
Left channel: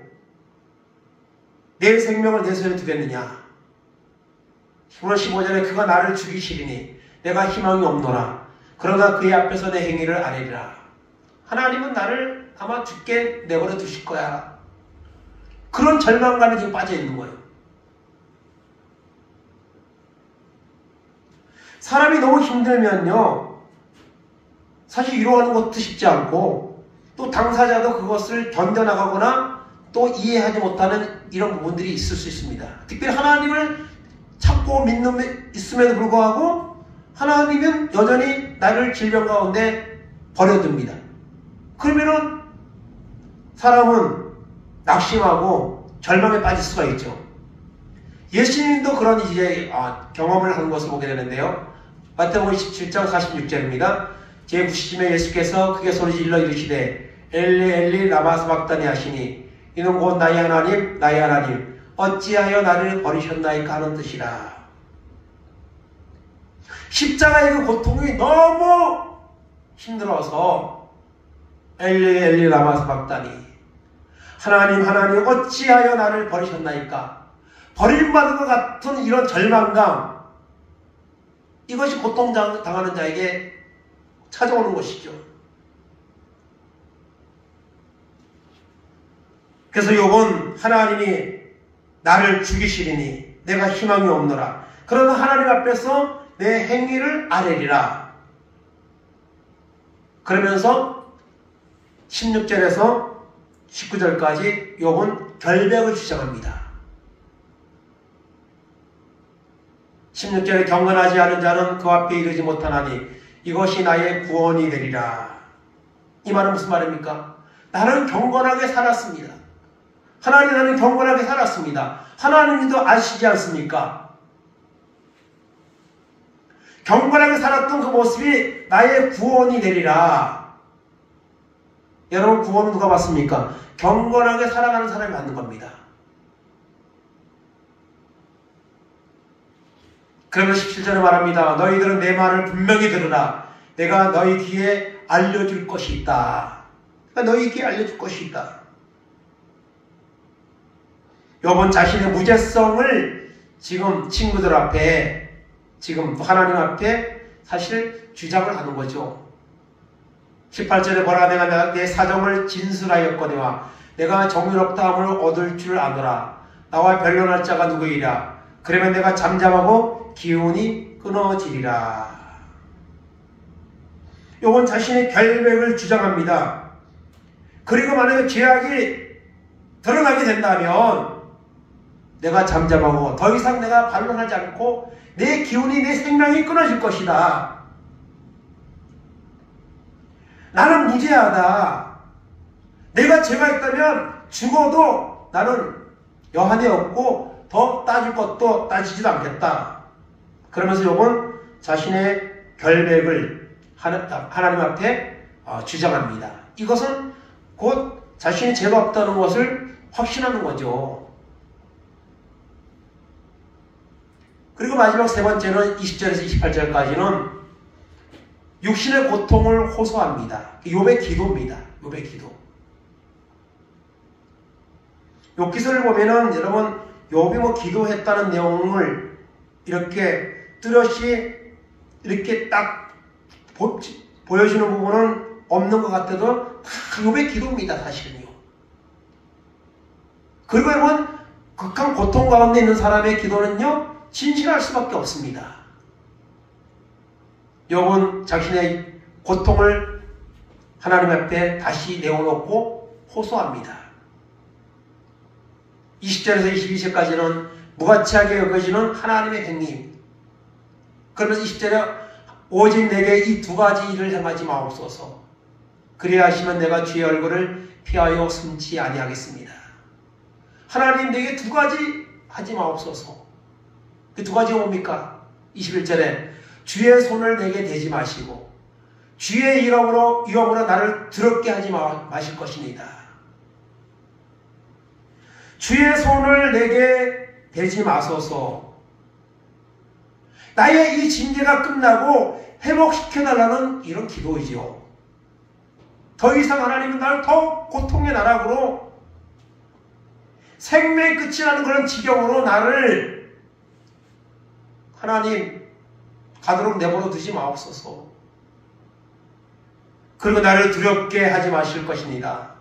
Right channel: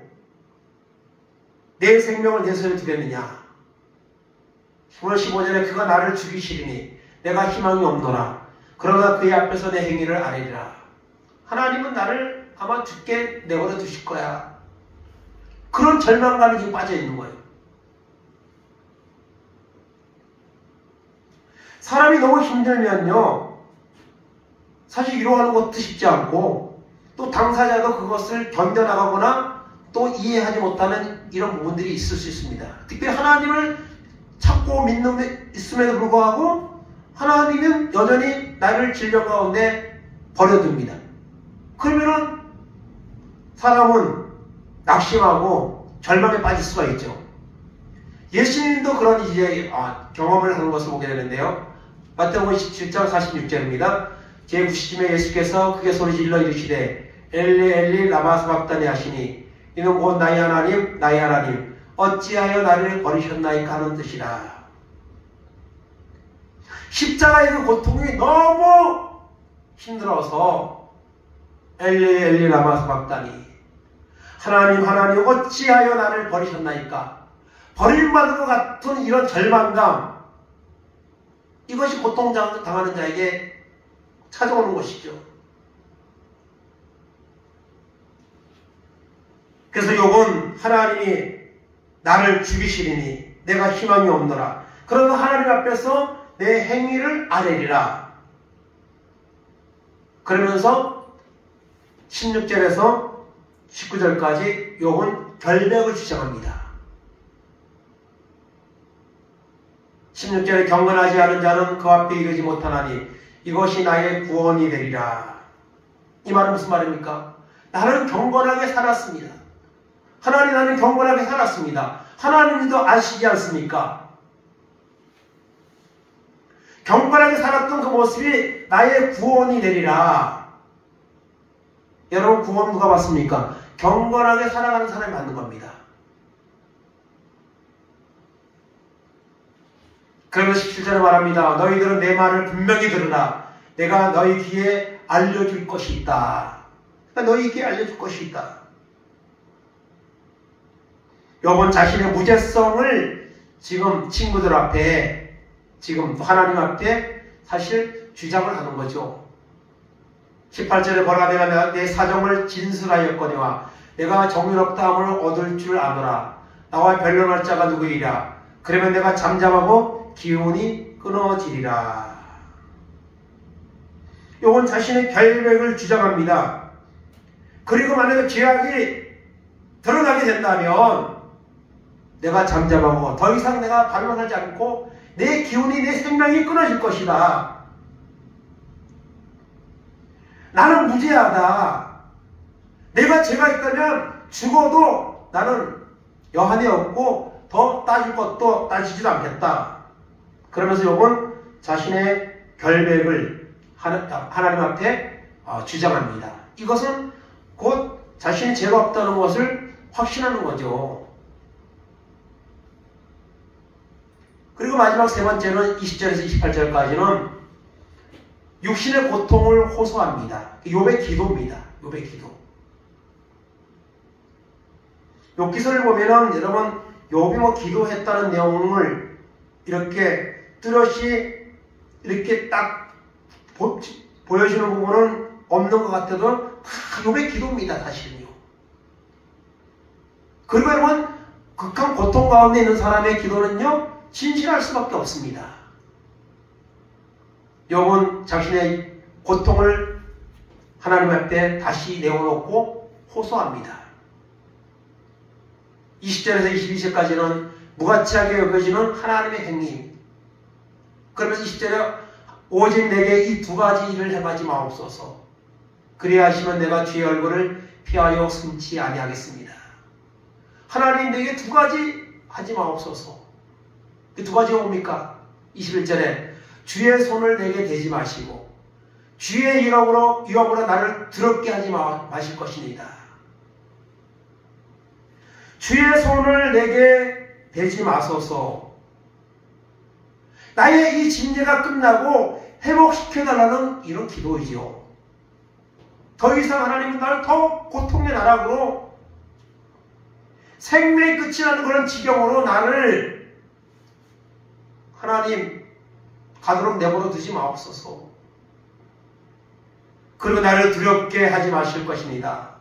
내 생명을 내 손에 두겠느냐. 10월 15절에 그가 나를 죽이시리니 내가 희망이 없노라. 그러나 그의 앞에서 내 행위를 아뢰리라. 하나님은 나를 아마 죽게 내버려 두실 거야. 그런 절망감이 지금 빠져 있는 거예요. 사람이 너무 힘들면요. 사실 위로하는 것도 쉽지 않고 또 당사자도 그것을 견뎌나가거나 또 이해하지 못하는 이런 부분들이 있을 수 있습니다. 특별히 하나님을 찾고 믿는 있음에도 불구하고 하나님은 여전히 나를 질병 가운데 버려둡니다. 그러면은 사람은 낙심하고 절망에 빠질 수가 있죠. 예수님도 그런 이제 경험을 하는 것을 보게 되는데요. 마태복음 17장 46절입니다. 제9시쯤에 예수께서 크게 소리질러 이르시되 엘리 엘리 라마 사박다니 하시니 이는 곧 나의 하나님 어찌하여 나를 버리셨나이까 하는 뜻이라. 십자가의 그 고통이 너무 힘들어서 엘리 엘리 라마 사박다니 하나님 어찌하여 나를 버리셨나이까. 버림받은 것 같은 이런 절망감, 이것이 고통당하는 자에게 찾아오는 것이죠. 그래서 욥은 하나님이 나를 죽이시리니 내가 희망이 없노라. 그러나 하나님 앞에서 내 행위를 아뢰리라. 그러면서 16절에서 19절까지 욥은 결백을 주장합니다. 16절에 경건하지 않은 자는 그 앞에 이르지 못하나니 이것이 나의 구원이 되리라. 이 말은 무슨 말입니까? 나는 경건하게 살았습니다. 하나님 나는 경건하게 살았습니다. 하나님도 아시지 않습니까? 경건하게 살았던 그 모습이 나의 구원이 되리라. 여러분 구원은 누가 받습니까? 경건하게 살아가는 사람이 받는 겁니다. 그러면 17절에 말합니다. 너희들은 내 말을 분명히 들으라. 내가 너희 귀에 알려줄 것이 있다. 너희 귀에 알려줄 것이 있다. 욥은 자신의 무죄성을 지금 친구들 앞에, 지금 하나님 앞에 사실 주장을 하는 거죠. 18절에 보라 내가 내 사정을 진술하였거니와 내가 정의롭다함을 얻을 줄 아노라. 나와 변론할 자가 누구이랴. 그러면 내가 잠잠하고 기운이 끊어지리라. 욥은 자신의 결백을 주장합니다. 그리고 만약에 죄악이 드러나게 된다면 내가 잠잠하고 더 이상 내가 반론하지 않고 내 기운이 내 생명이 끊어질 것이다. 나는 무죄하다. 내가 죄가 있다면 죽어도 나는 여한이 없고 더 따질 것도 따지지도 않겠다. 그러면서 욥은 자신의 결백을 하나님 앞에 주장합니다. 이것은 곧 자신이 죄가 없다는 것을 확신하는 거죠. 그리고 마지막 세 번째는 20절에서 28절까지는 육신의 고통을 호소합니다. 욥의 기도입니다. 욥의 기도. 욥기서를 보면은 여러분 욥이 뭐 기도했다는 내용을 이렇게 뚜렷이 이렇게 딱 보여주는 부분은 없는 것 같아도 다 욥의 기도입니다. 사실은요. 그리고 여러분 극한 고통 가운데 있는 사람의 기도는요 진실할 수밖에 없습니다. 욥은 자신의 고통을 하나님 앞에 다시 내어놓고 호소합니다. 20절에서 22절까지는 무가치하게 여겨지는 하나님의 행위. 그러면서 20절에 오직 내게 이 두 가지 일을 행하지 마옵소서. 그리야 하시면 내가 주의 얼굴을 피하여 숨지 아니하겠습니다. 하나님 내게 두 가지 하지 마옵소서. 그 두 가지가 뭡니까? 21절에 주의 손을 내게 대지 마시고 주의 이름으로 나를 더럽게 하지 마실 것입니다. 주의 손을 내게 대지 마소서. 나의 이 징계가 끝나고 회복시켜달라는 이런 기도이죠. 더 이상 하나님은 나를 더 고통의 나락으로 생명의 끝이 나는 그런 지경으로 나를 하나님 가도록 내버려 두지 마옵소서. 그리고 나를 두렵게 하지 마실 것입니다.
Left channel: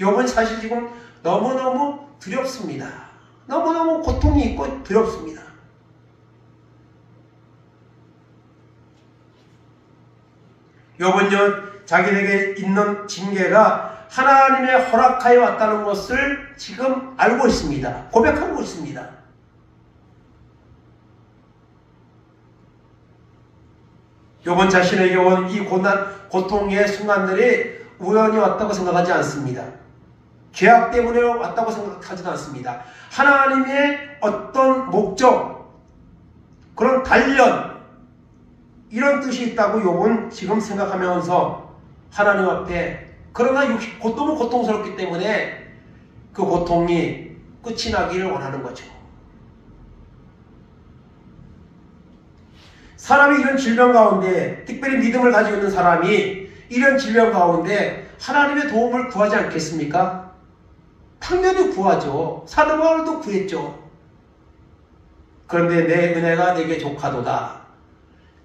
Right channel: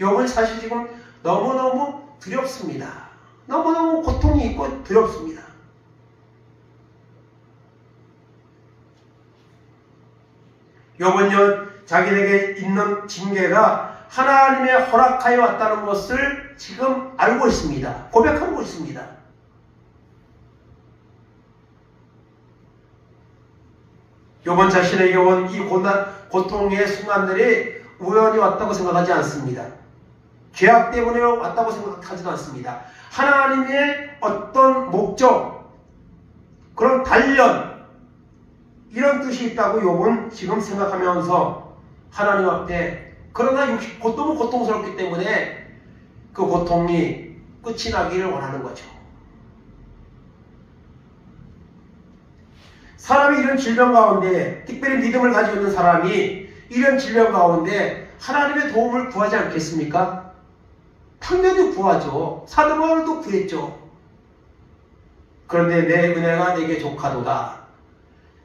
욥은 사실 지금 너무너무 두렵습니다. 너무너무 고통이 있고 두렵습니다. 욥은요 자기에게 있는 징계가 하나님의 허락하여 왔다는 것을 지금 알고 있습니다. 고백하고 있습니다. 욥은 자신에게 온 이 고통의 순간들이 우연히 왔다고 생각하지 않습니다. 죄악 때문에 왔다고 생각하지도 않습니다. 하나님의 어떤 목적, 그런 단련, 이런 뜻이 있다고 욥은 지금 생각하면서 하나님 앞에, 그러나 너무 고통스럽기 때문에 그 고통이 끝이 나기를 원하는 거죠. 사람이 이런 질병 가운데, 특별히 믿음을 가지고 있는 사람이 이런 질병 가운데 하나님의 도움을 구하지 않겠습니까? 당연히 구하죠. 사도 바울도 구했죠. 그런데 내 은혜가 내게 족하도다.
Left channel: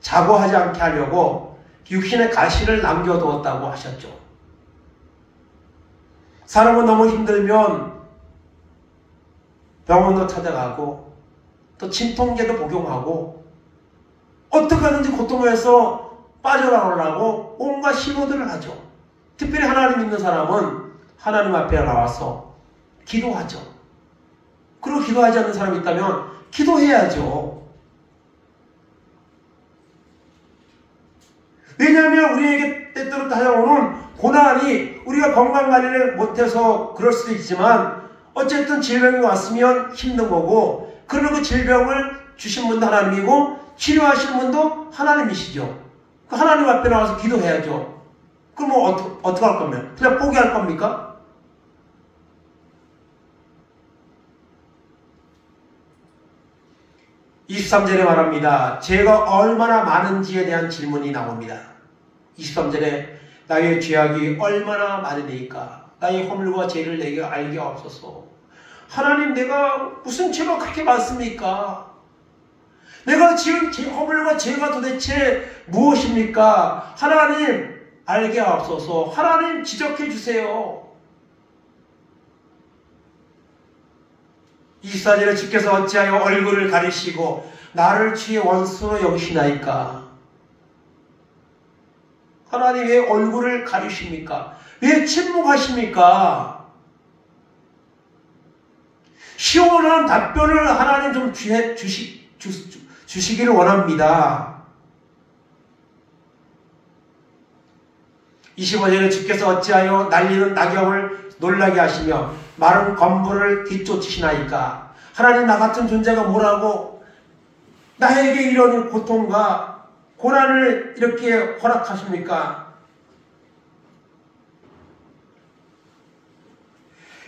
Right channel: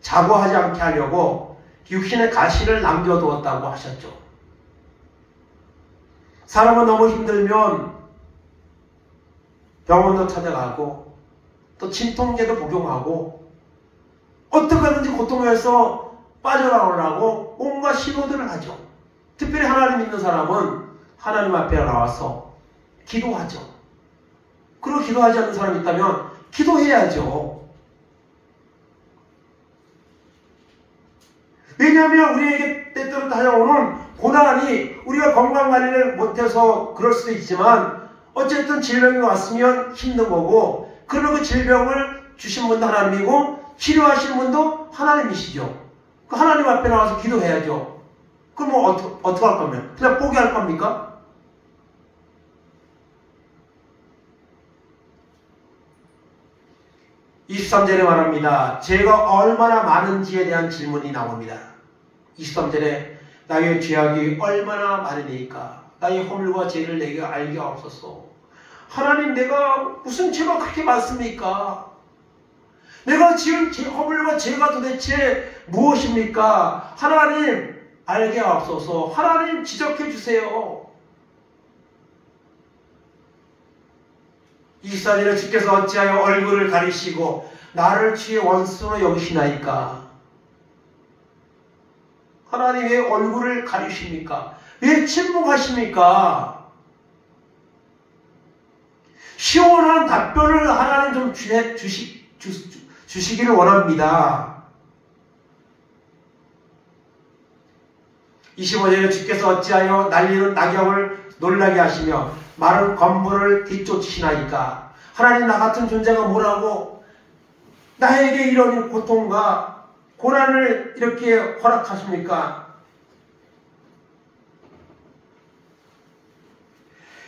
자고하지 않게 하려고 육신의 가시를 남겨두었다고 하셨죠. 사람은 너무 힘들면 병원도 찾아가고 또 진통제도 복용하고 어떻게 하든지 고통에서 빠져나오려고 온갖 시도들을 하죠. 특별히 하나님 믿는 사람은 하나님 앞에 나와서 기도하죠. 그리고 기도하지 않는 사람이 있다면 기도해야죠. 왜냐하면 우리에게 때때로 다가오는 고난이 우리가 건강관리를 못해서 그럴 수도 있지만 어쨌든 질병이 왔으면 힘든 거고, 그러면 그 질병을 주신 분도 하나님이고 치료하시는 분도 하나님이시죠. 그 하나님 앞에 나와서 기도해야죠. 그럼 어떻게 할 겁니까? 그냥 포기할 겁니까? (23절에) 말합니다. 죄가 얼마나 많은지에 대한 질문이 나옵니다. 23절에 나의 죄악이 얼마나 많으니까 나의 허물과 죄를 내게 알게 하옵소서. 하나님, 내가 무슨 죄가 그렇게 많습니까? 내가 지은 허물과 죄가 도대체 무엇입니까? 하나님, 알게 하옵소서. 하나님, 지적해 주세요. 24절에 주께서 어찌하여 얼굴을 가리시고 나를 주의 원수로 여기시나이까? 하나님, 왜 얼굴을 가리십니까? 왜 침묵하십니까? 시원한 답변을 하나님 좀 주시기를 원합니다. 25절에 주께서 어찌하여 날리는 낙엽을 놀라게 하시며 마른 건물을 뒤쫓으시나이까. 하나님, 나 같은 존재가 뭐라고 나에게 이런 고통과 고난을 이렇게 허락하십니까?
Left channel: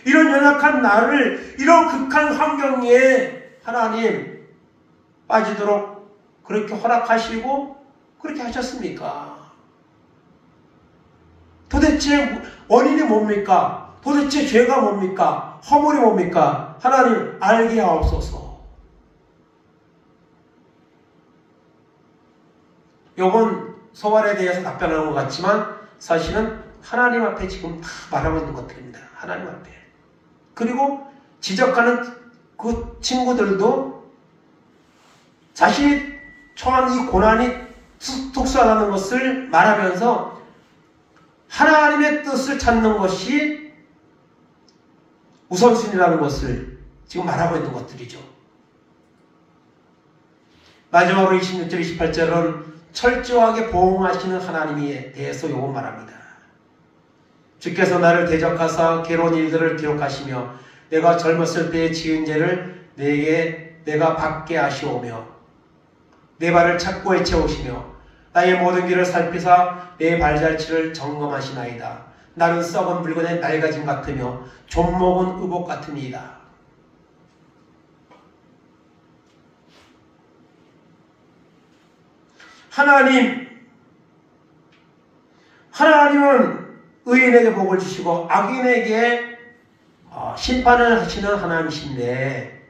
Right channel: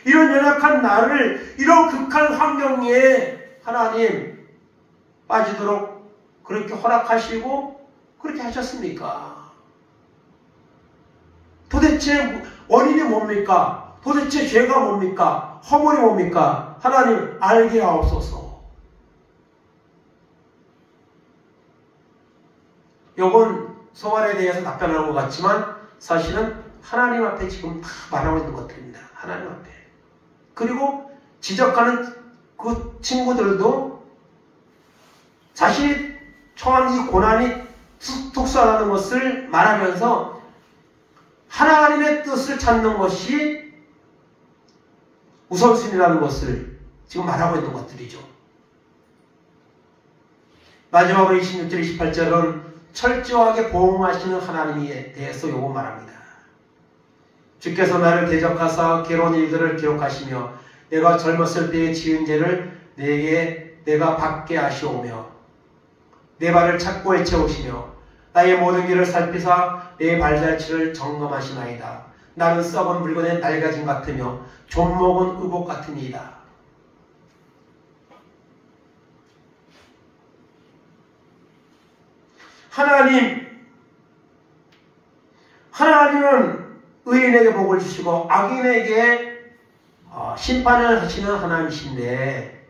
이런 연약한 나를 이런 극한 환경에 하나님 빠지도록 그렇게 허락하시고 그렇게 하셨습니까? 도대체 원인이 뭡니까? 도대체 죄가 뭡니까? 허물이 뭡니까? 하나님, 알게 하옵소서. 요건 소발에 대해서 답변하는 것 같지만 사실은 하나님 앞에 지금 다 말하고 있는 것들입니다. 하나님 앞에. 그리고 지적하는 그 친구들도 자신이 처한 이 고난이 특수하다는 것을 말하면서 하나님의 뜻을 찾는 것이 우선순위라는 것을 지금 말하고 있는 것들이죠. 마지막으로 26절, 28절은 철저하게 보응하시는 하나님에 대해서 요거 말합니다. 주께서 나를 대적하사 괴로운 일들을 기록하시며 내가 젊었을 때에 지은 죄를 내가 받게 하시오며 내 발을 착고에 채우시며 나의 모든 길을 살피사 내 발자취를 점검하시나이다. 나는 썩은 물건의 낡아짐 같으며 좀먹은 의복 같으니이다. 하나님은 의인에게 복을 주시고 악인에게 심판을 하시는 하나님이신데,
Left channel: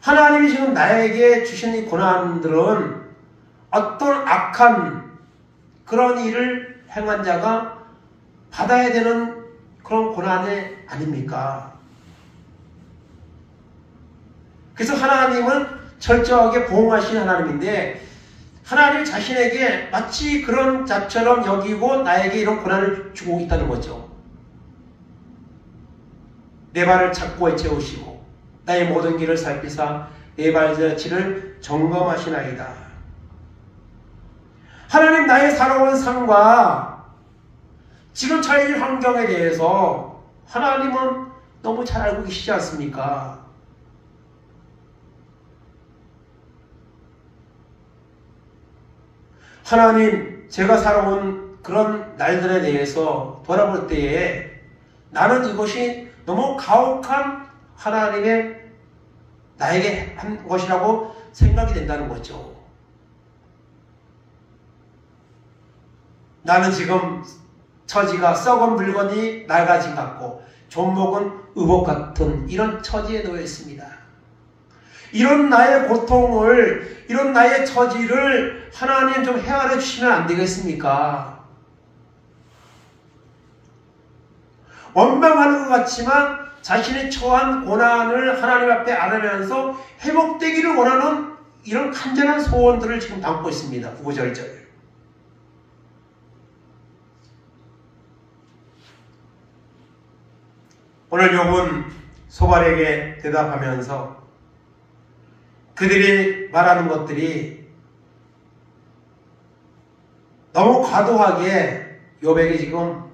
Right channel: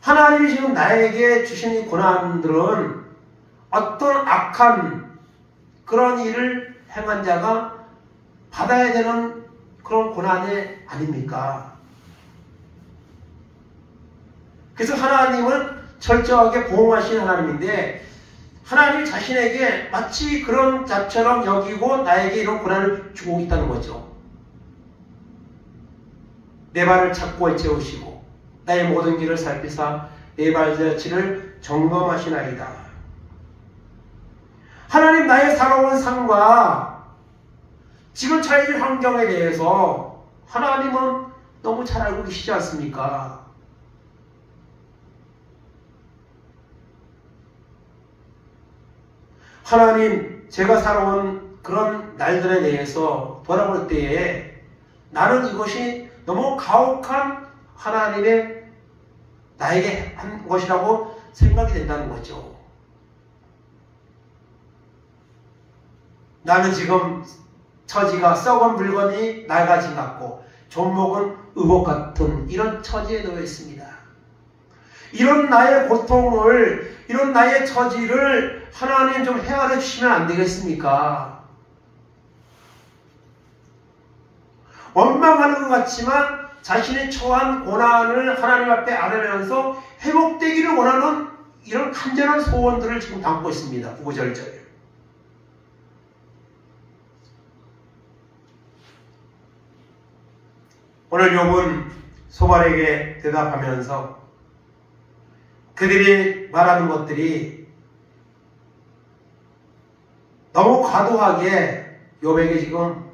하나님이 지금 나에게 주신 이 고난들은 어떤 악한 그런 일을 행한 자가 받아야 되는 그런 고난이 아닙니까? 그래서 하나님은 철저하게 보응하신 하나님인데, 하나님이 자신에게 마치 그런 자처럼 여기고 나에게 이런 고난을 주고 있다는 거죠. 내 발을 착고에 채우시고 나의 모든 길을 살피사 내 발자취를 점검하시나이다. 하나님, 나의 살아온 삶과 지금 처해진 환경에 대해서 하나님은 너무 잘 알고 계시지 않습니까? 하나님, 제가 살아온 그런 날들에 대해서 돌아볼 때에 나는 이것이 너무 가혹한 하나님의 나에게 한 것이라고 생각이 된다는 거죠. 나는 지금 처지가 썩은 물건이 낡아진 것 같고 좀먹은 의복 같은 이런 처지에 놓여 있습니다. 이런 나의 고통을, 이런 나의 처지를 하나님 좀 헤아려 주시면 안 되겠습니까? 원망하는 것 같지만 자신이 처한 고난을 하나님 앞에 안으면서 회복되기를 원하는 이런 간절한 소원들을 지금 담고 있습니다. 구절절. 오늘 욥은 소발에게 대답하면서 그들이 말하는 것들이 너무 과도하게 욥에게 지금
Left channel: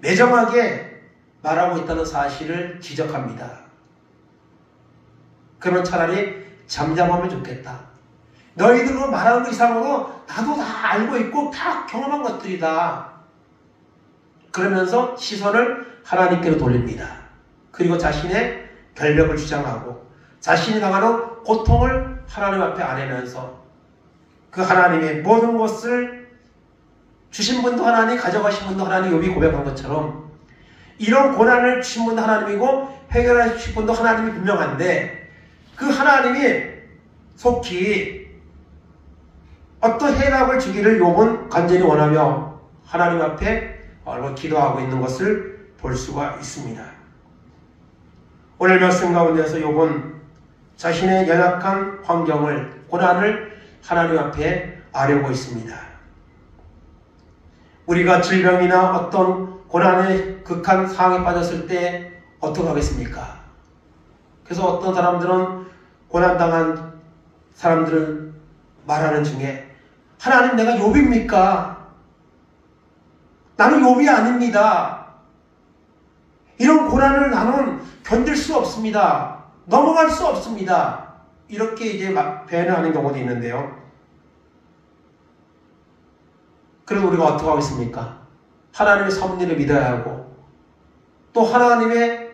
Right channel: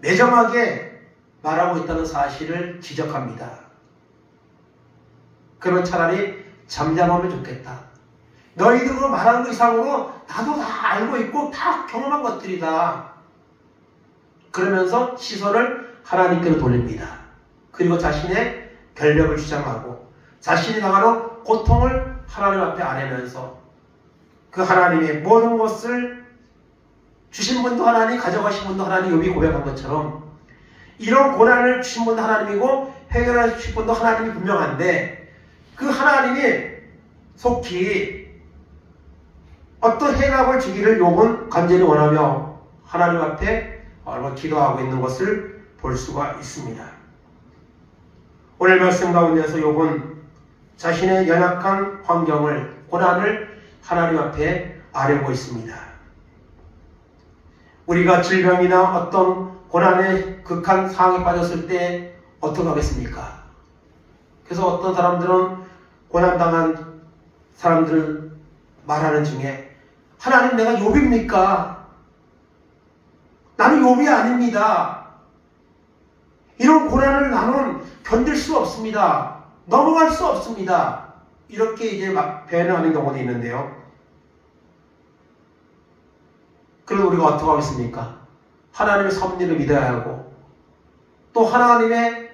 매정하게 말하고 있다는 사실을 지적합니다. 그러면 차라리 잠잠하면 좋겠다. 너희들로 말하는 것 이상으로 나도 다 알고 있고 다 경험한 것들이다. 그러면서 시선을 하나님께로 돌립니다. 그리고 자신의 결벽을 주장하고 자신이 당하는 고통을 하나님 앞에 안으면서 그 하나님의 모든 것을 주신 분도 하나님, 가져가신 분도 하나님, 욥이 고백한 것처럼 이런 고난을 주신 분도 하나님이고 해결하신 분도 하나님이 분명한데, 그 하나님이 속히 어떤 해답을 주기를 욥은 간절히 원하며 하나님 앞에 기도하고 있는 것을 볼 수가 있습니다. 오늘 말씀 가운데서 욥은 자신의 연약한 환경을, 고난을 하나님 앞에 아뢰고 있습니다. 우리가 질병이나 어떤 고난의 극한 상황에 빠졌을 때 어떻게 하겠습니까? 그래서 어떤 사람들은 고난당한 사람들을 말하는 중에 하나님 내가 욥입니까? 나는 욥이 아닙니다. 이런 고난을 나는 견딜 수 없습니다. 넘어갈 수 없습니다. 이렇게 이제 막 배회하는 경우도 있는데요. 그래도 우리가 어떻게 하겠습니까? 하나님의 섭리를 믿어야 하고 또 하나님의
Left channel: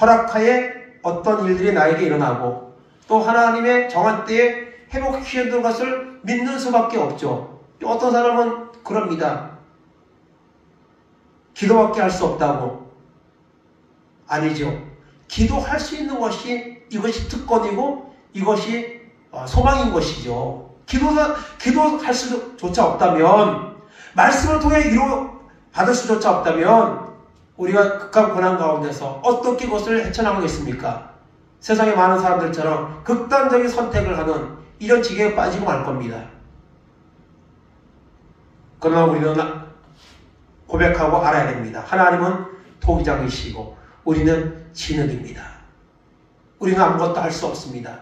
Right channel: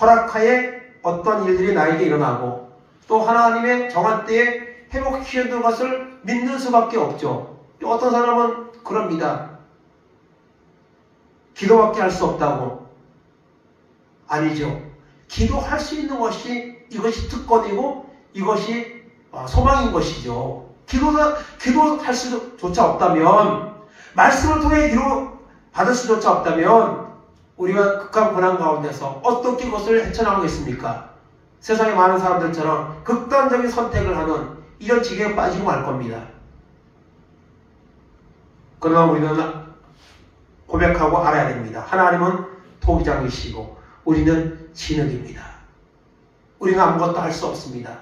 허락하에 어떤 일들이 나에게 일어나고 또 하나님의 정한 때에 회복시키는 것을 믿는 수밖에 없죠. 어떤 사람은 그럽니다. 기도밖에 할 수 없다고. 아니죠. 기도할 수 있는 것이 이것이 특권이고 이것이 소망인 것이죠. 기도할 수조차 없다면, 말씀을 통해 받을 수조차 없다면 우리가 극한 고난 가운데서 어떻게 그것을 헤쳐나가겠습니까? 세상에 많은 사람들처럼 극단적인 선택을 하는 이런 지경에 빠지고 말 겁니다. 그러나 우리는 고백하고 알아야 됩니다. 하나님은 토기장이시고 우리는 진흙입니다. 우리는 아무것도 할 수 없습니다.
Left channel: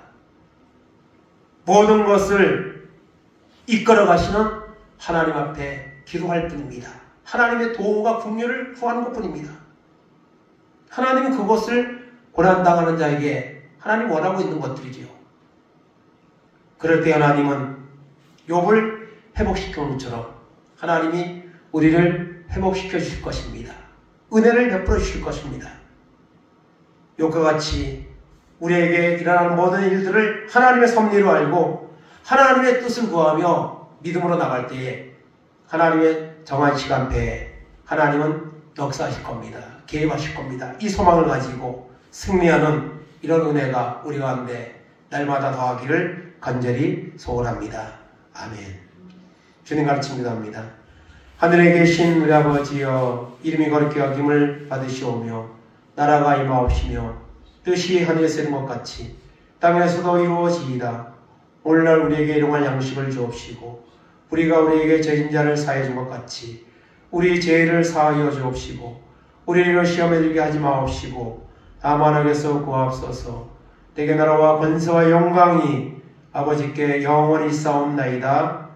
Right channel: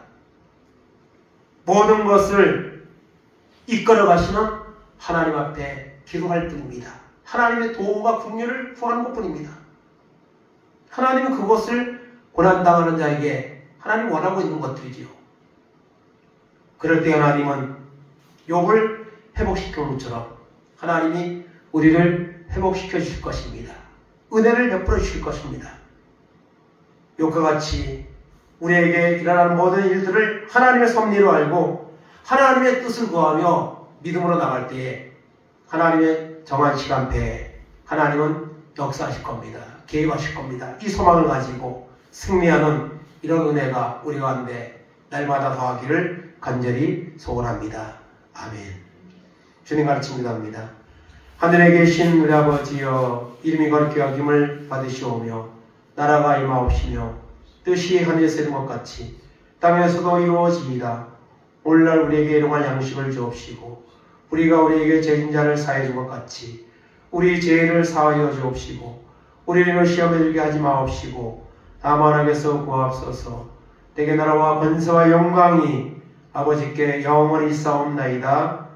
모든 것을 이끌어 가시는 하나님 앞에 기도할 뿐입니다. 하나님의 도움과 긍휼을 구하는 것뿐입니다. 하나님은 그것을 고난당하는 자에게 하나님 원하고 있는 것들이지요. 그럴 때 하나님은 욥을 회복시키는 것처럼 하나님이 우리를 회복시켜 주실 것입니다. 은혜를 베풀어 주실 것입니다. 욥과 같이 우리에게 일어나는 모든 일들을 하나님의 섭리로 알고 하나님의 뜻을 구하며 믿음으로 나갈 때에 하나님의 정한 시간표에 하나님은 역사하실 겁니다. 개입하실 겁니다. 이 소망을 가지고 승리하는 이런 은혜가 우리 가운데 날마다 더하기를 간절히 소원합니다. 아멘. 주님 가르침 기도합니다. 하늘에 계신 우리 아버지여, 이름이 거룩히 여김을 받으시오며 나라가 임하옵시며 뜻이 하늘에서 이룬 것 같이 땅에서도 이루어지이다. 오늘날 우리에게 일용할 양식을 주옵시고 우리가 우리에게 죄진 자를 사해 준 것 같이 우리 죄를 사하여 주옵시고 우리를 시험에 들게 하지 마옵시고 다만 악에서 구하옵소서. 내게 나라와 권세와 영광이 아버지께 영원히 있사옵나이다.